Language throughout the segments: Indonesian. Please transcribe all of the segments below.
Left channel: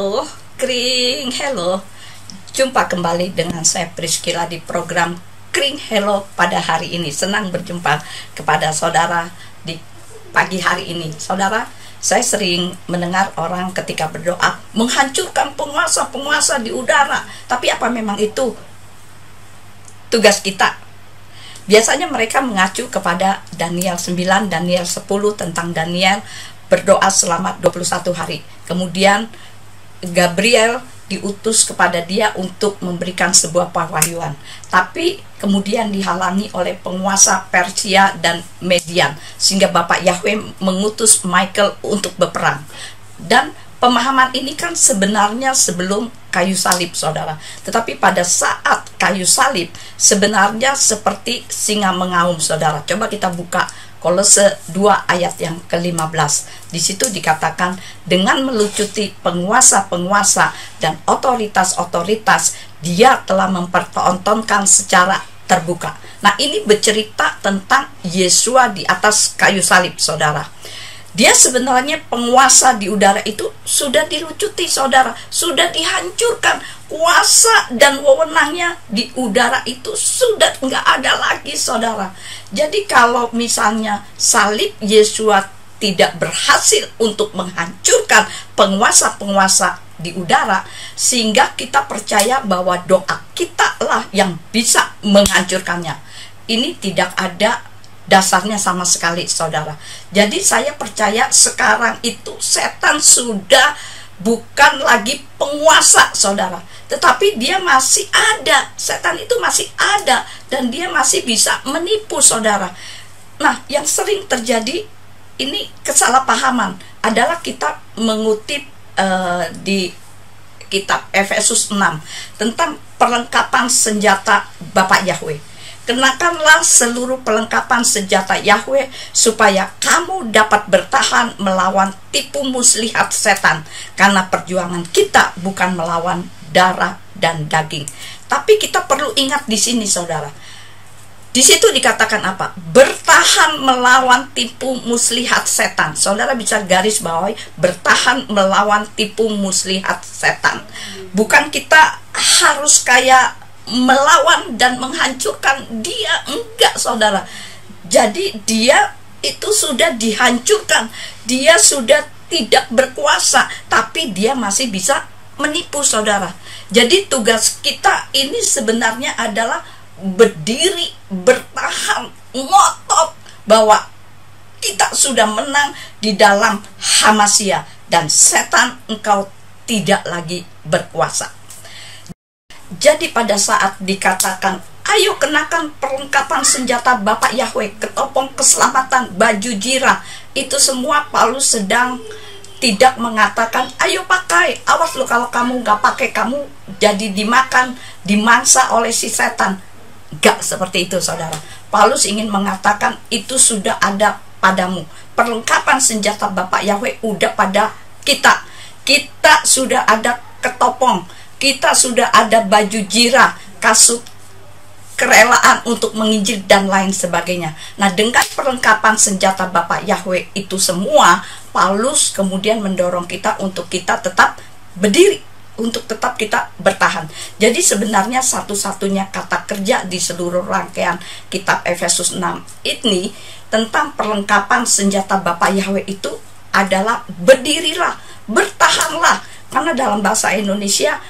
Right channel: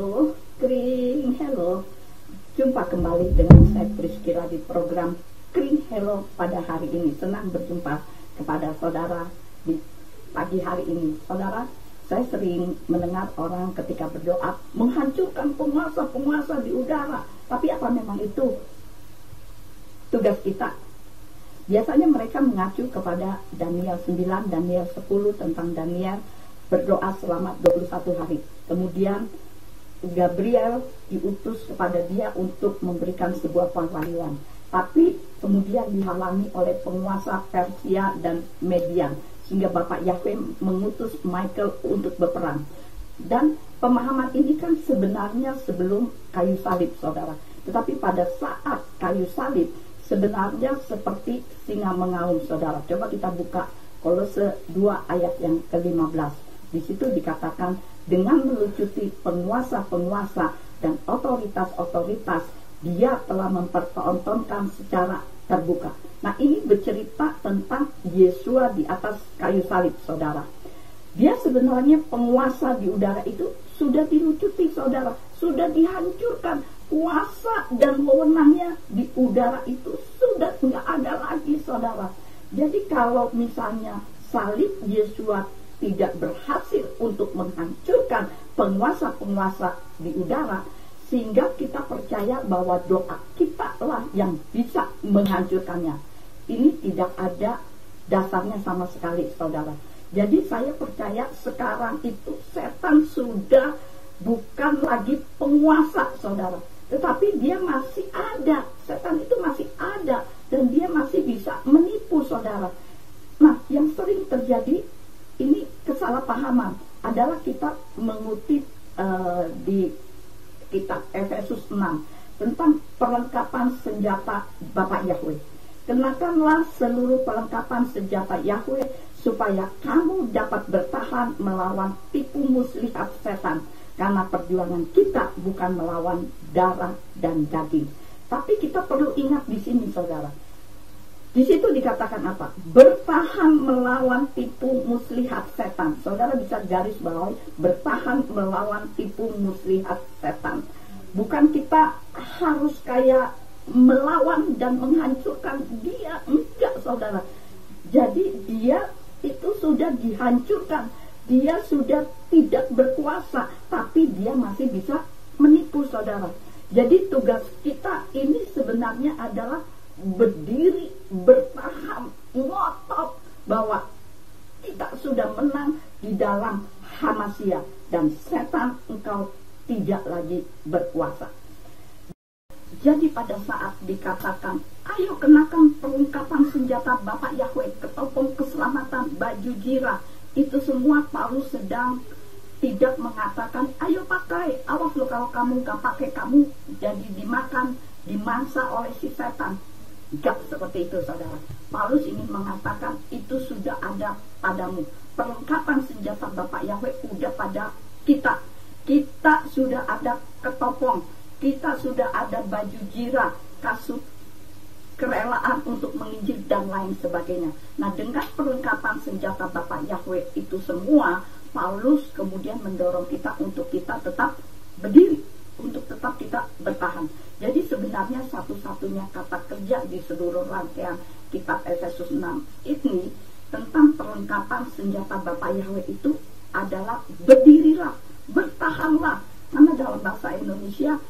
Halo, Kring, hello. Jumpa kembali dengan saya Priscilla di program Kring Hello pada hari ini. Senang berjumpa kepada saudara di pagi hari ini. Saudara, saya sering mendengar orang ketika berdoa menghancurkan penguasa-penguasa di udara. Tapi apa memang itu tugas kita? Biasanya mereka mengacu kepada Daniel 9, Daniel 10 tentang Daniel berdoa selama 21 hari. Kemudian Gabriel diutus kepada dia untuk memberikan sebuah pewahyuan. Tapi kemudian dihalangi oleh penguasa Persia dan Median, sehingga Bapak Yahweh mengutus Michael untuk berperang. Dan pemahaman ini kan sebenarnya sebelum kayu salib, saudara. Tetapi pada saat kayu salib sebenarnya seperti singa mengaum, saudara. Coba kita buka Kolose 2 ayat yang ke-15. Di situ dikatakan, dengan melucuti penguasa-penguasa dan otoritas-otoritas, dia telah mempertontonkan secara terbuka. Nah, ini bercerita tentang Yesua di atas kayu salib, saudara. Dia sebenarnya penguasa di udara itu sudah dilucuti, saudara, sudah dihancurkan. Kuasa dan wewenangnya di udara itu sudah nggak ada lagi, saudara. Jadi kalau misalnya salib Yesua tidak berhasil untuk menghancurkan penguasa-penguasa di udara, sehingga kita percaya bahwa doa kita lah yang bisa menghancurkannya. Ini tidak ada dasarnya sama sekali, saudara. Jadi saya percaya sekarang itu setan sudah bukan lagi penguasa, saudara, tetapi dia masih ada. Setan itu masih ada dan dia masih bisa menipu, saudara. Nah, yang sering terjadi ini kesalahpahaman adalah kita mengutip di kitab Efesus 6 tentang perlengkapan senjata Bapak Yahweh. Kenakanlah seluruh perlengkapan senjata Yahweh supaya kamu dapat bertahan melawan tipu muslihat setan, karena perjuangan kita bukan melawan darah dan daging. Tapi kita perlu ingat di sini, saudara. Di situ dikatakan apa? Bertahan melawan tipu muslihat setan. Saudara bisa garis bawahi, bertahan melawan tipu muslihat setan. Bukan kita harus kayak melawan dan menghancurkan dia, enggak, saudara. Jadi dia itu sudah dihancurkan, dia sudah tidak berkuasa, tapi dia masih bisa menipu, saudara. Jadi tugas kita ini sebenarnya adalah berdiri, bertahan, ngotot bahwa kita sudah menang di dalam Hamasya, dan setan, engkau tidak lagi berkuasa. Jadi pada saat dikatakan, ayo kenakan perlengkapan senjata Bapak Yahweh, ketopong keselamatan, baju jirah, itu semua Paulus sedang tidak mengatakan, ayo pakai, awas lo kalau kamu nggak pakai, kamu jadi dimakan, dimangsa oleh si setan. Gak seperti itu, saudara. Paulus ingin mengatakan, itu sudah ada padamu. Perlengkapan senjata Bapak Yahweh udah pada kita. Kita sudah ada ketopong, kita sudah ada baju jirah, kasut kerelaan untuk menginjil dan lain sebagainya. Nah, dengan perlengkapan senjata Bapak Yahweh itu semua, Paulus kemudian mendorong kita untuk kita tetap berdiri, untuk tetap kita bertahan. Jadi sebenarnya satu-satunya kata kerja di seluruh rangkaian kitab Efesus 6 ini tentang perlengkapan senjata Bapak Yahweh itu adalah berdirilah, bertahanlah. Karena dalam bahasa Indonesia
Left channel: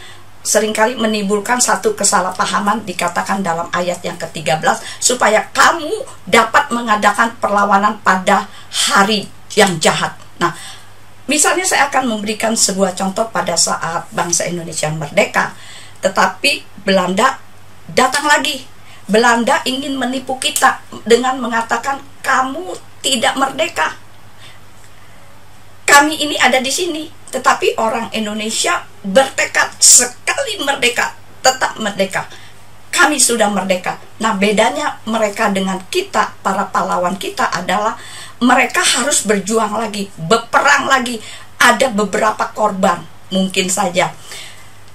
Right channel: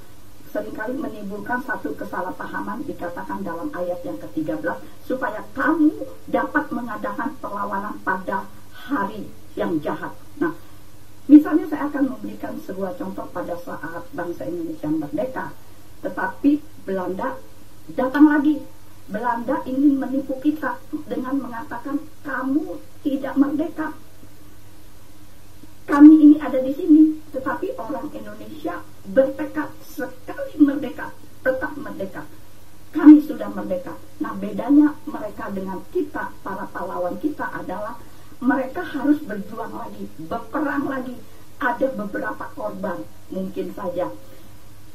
seringkali menimbulkan satu kesalahpahaman, dikatakan dalam ayat yang ke-13, supaya kamu dapat mengadakan perlawanan pada hari yang jahat. Nah, misalnya saya akan memberikan sebuah contoh pada saat bangsa Indonesia merdeka, tetapi Belanda datang lagi. Belanda ingin menipu kita dengan mengatakan, kamu tidak merdeka, kami ini ada di sini. Tetapi orang Indonesia bertekad sekali merdeka, tetap merdeka. Kami sudah merdeka. Nah, bedanya mereka dengan kita, para pahlawan kita, adalah mereka harus berjuang lagi, berperang lagi. Ada beberapa korban, mungkin saja.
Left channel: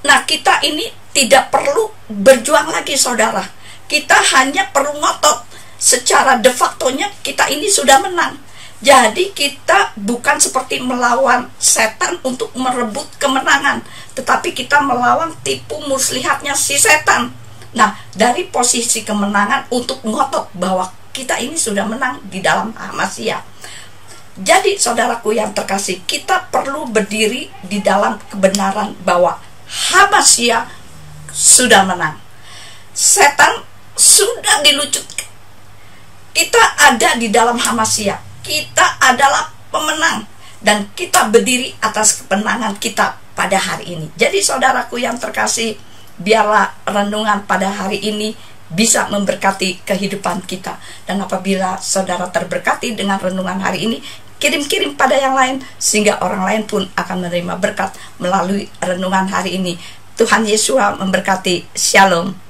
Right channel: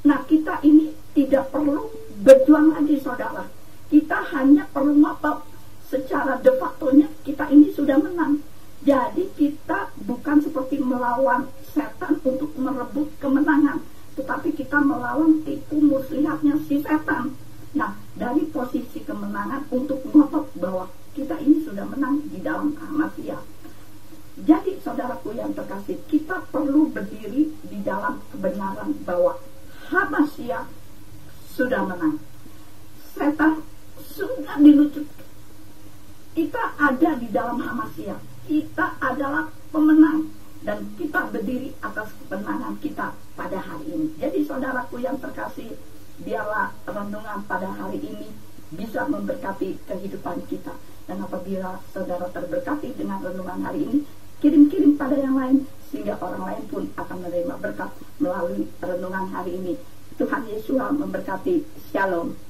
Nah, kita ini tidak perlu berjuang lagi, saudara. Kita hanya perlu ngotot. Secara de factonya kita ini sudah menang. Jadi kita bukan seperti melawan setan untuk merebut kemenangan, tetapi kita melawan tipu muslihatnya si setan. Nah, dari posisi kemenangan untuk ngotot bahwa kita ini sudah menang di dalam Hamasya. Jadi saudaraku yang terkasih, kita perlu berdiri di dalam kebenaran bahwa Hamasya sudah menang. Setan sudah dilucutkan. Kita ada di dalam Hamasya. Kita adalah pemenang. Dan kita berdiri atas kemenangan kita pada hari ini. Jadi saudaraku yang terkasih, biarlah renungan pada hari ini bisa memberkati kehidupan kita. Dan apabila saudara terberkati dengan renungan hari ini, kirim-kirim pada yang lain, sehingga orang lain pun akan menerima berkat melalui renungan hari ini. Tuhan Yesus memberkati. Shalom.